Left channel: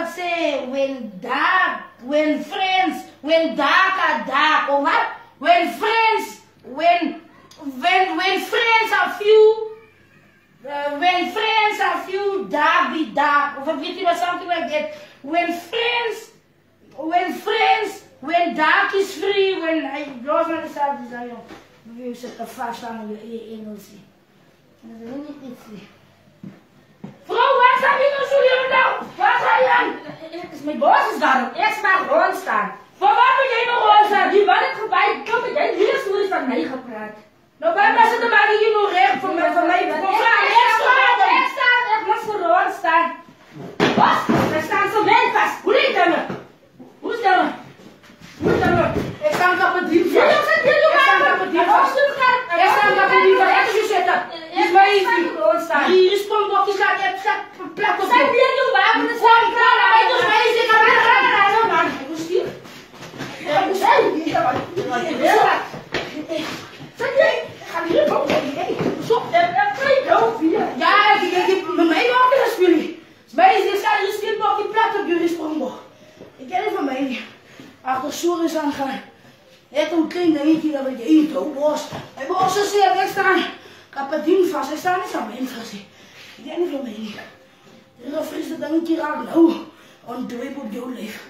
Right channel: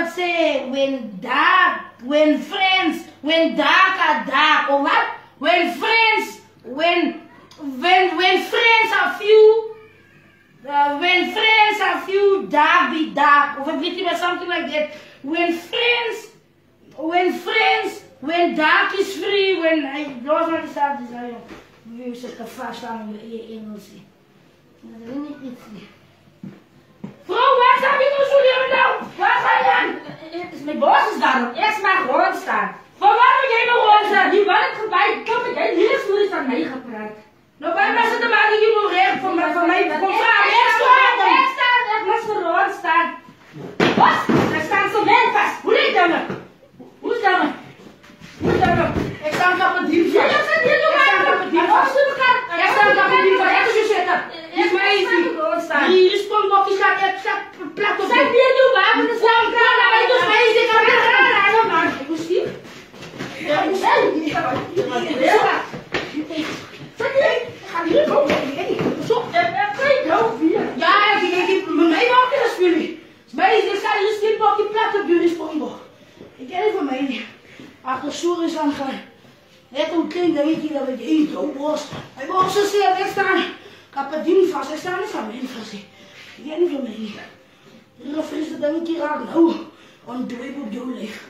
wat say when dark are dark, or what? When friends are few, when friends are few, dark be dark, or something like that. When dark is free, when I don't understand this, you set the fast on your Engels. Vrouw, waar sta je nou zo hier nou? Waar ga je aan? Mijn boos is daar. Eerst naar rond staan. Voor wat moet jij nog rond staan? Die wil ik voorbij. Kom ik in. Hier is hoe is aan mij gepraat. Nou, bij mij zitten maar hier nog recht voor mij. Eerst staan. Ik moet voor rond staan. Wat? Er staan zo wel vast. Hoe is dat nou? Hoe is dat nou? Ik sta op het diep. Ja, je zit hier nog aan. Ik sta op het diep. Ik sta op het diep. Wat is je zitten? Is mij eens niet rond staan. Die stond op die gaat het plak op. Zijn hier nu waar? We staan klaar. Ik moet mij eens in de man. Ik moest hier. Ik moest hier. Zet je? Ik ga hier komen. Zo. Ja, ik met mij ook weer spelen. Ik sta hier stil op die plak op jullie sprong. Ik ken het van mij niet. Achter Soer is aangaan. Net een kind dat weet dat we eten. Ook was. Hij was zo zeer wegstaan. Ik heb het ding vast. Hij staat niet aan mij vast. Ik ken het van mij niet. En dan fris het dan een keer aan. Nou, on doe ik op jouw leven.